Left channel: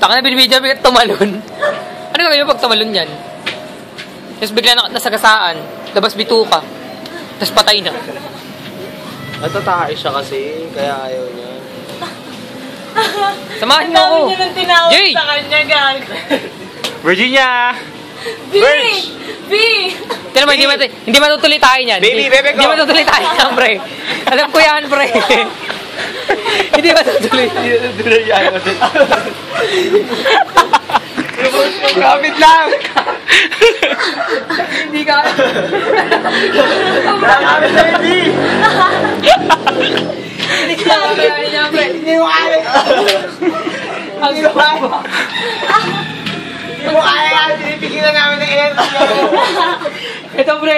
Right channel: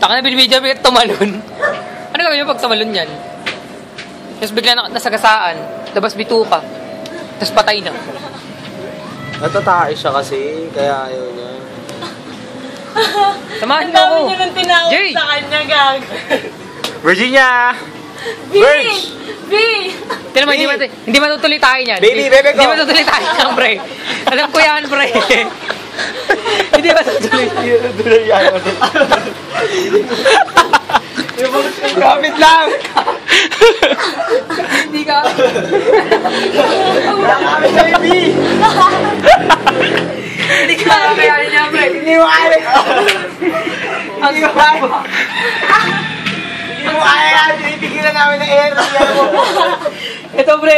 Taka na binibidya may tumalon. Ano gawin mo pag tumalon yan? Tapos bigla nasagasaan. Labas bituka. Tapos patay na. Natataka siya kasi, kaya ayaw niya. Samahan mo ako. Ang dami niya nang tinawag Jay! sa kanya, gag. Virginia! B! B! Kaya naman, hindi matutuloy tayo niyan. Baby, bebe ko! Hindi matutuloy tayo niyan, pre. Alam ko yan, pre. Hindi matutuloy. Hindi matutuloy yan. Gamit lang! Hindi ka. Gamit lang, B! Hindi ka kakayanin niya, pre. Hindi mo kaya! Hindi mo kaya! Hindi mo kaya yan! Tinipigil na namin ng air! Ito, pre.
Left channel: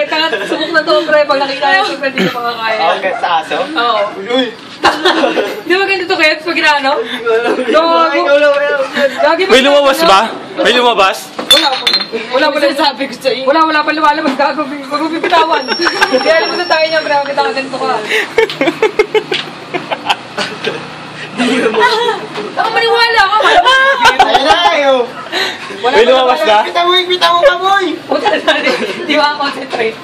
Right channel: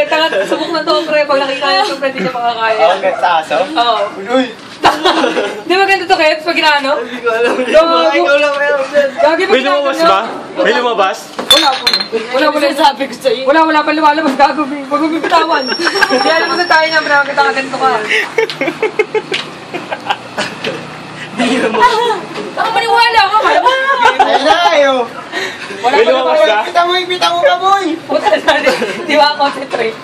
Subok na to, pre. Pag nakita niyo ito, pre, hindi ka makakaya. Okay, sa aso? Oo. Uy! Di ba ganito to, Kep? Pag inaano? Gagi May lumabas ba? May lumabas? Wala Sabi ko sa'yo. Wala pa lumalabas. Gago. Huwag mo bibitawan. Hindi alam mo sa tayo na, pre. Kita ka ganito ka. Baka maniwala ka, malamang. Ayun na kayo! Wala May pa lumabas lumalabas. ba? Pita mo ka, boy! Puta na natin. Di ba concentrate?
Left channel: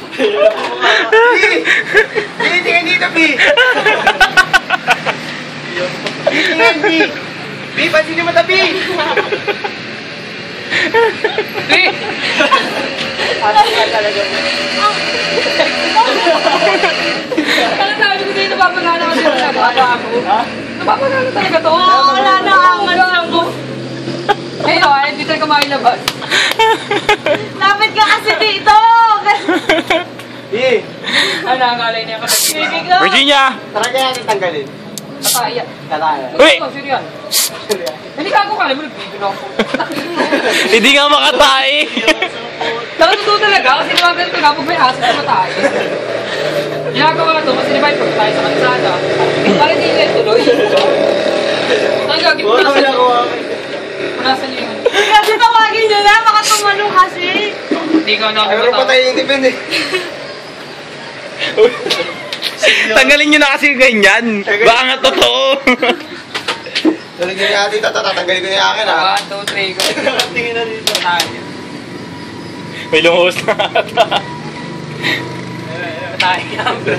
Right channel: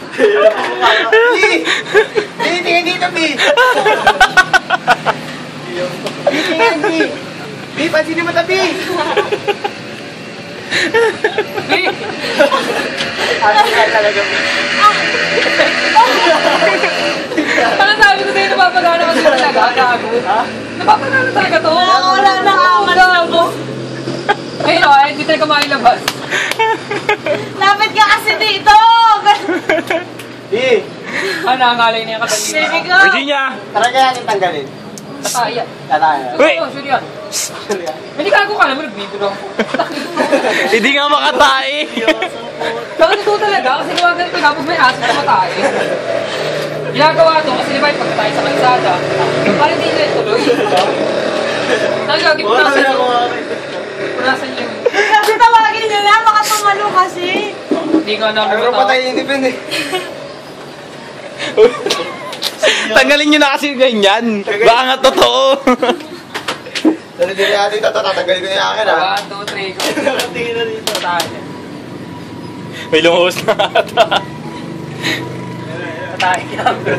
Tingnan dito, B! Tingnan, B! B, pansinin mo ta, B! Ato ka talaga, B. Parang sabi ko sa'yo, napapagana ko talaga. Napapagana talaga to. Wala na ako. Gago. Ayun o, hindi tayo kumailabas. Lapit ka kasi dito. B! Ano, ang alay na yung katagin. Sige ko. Virginia! Talaga natin tanggalin. Kaya. Kaya. Uy! Sure yan. Hindi gago ka naman, nag-video lang. Hindi nga makatae! Pero totoo talaga, kasi diba ganito na, pag may aso sa matay. Ginagawa to, kasi diba yung pagkatay sa kansada, para hindi nila tuloy. Ang gagawin, punasan nyo. Punasan nyo yun. Kasi tawagin nyo na, baka tumalo kasi. Hindi ka namin Ano matawa. patayin yung tipin eh? Tanggalin nyo na kasi ganyan. Baka nga totoo. Hindi natin tatanggalin ko na yung akin ha. 1, 2, 3, go. Tingin na dito. Patayin. May lumabas na ata. Patayin ka, bro.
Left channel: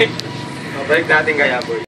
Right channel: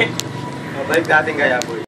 Balik natin kaya boy.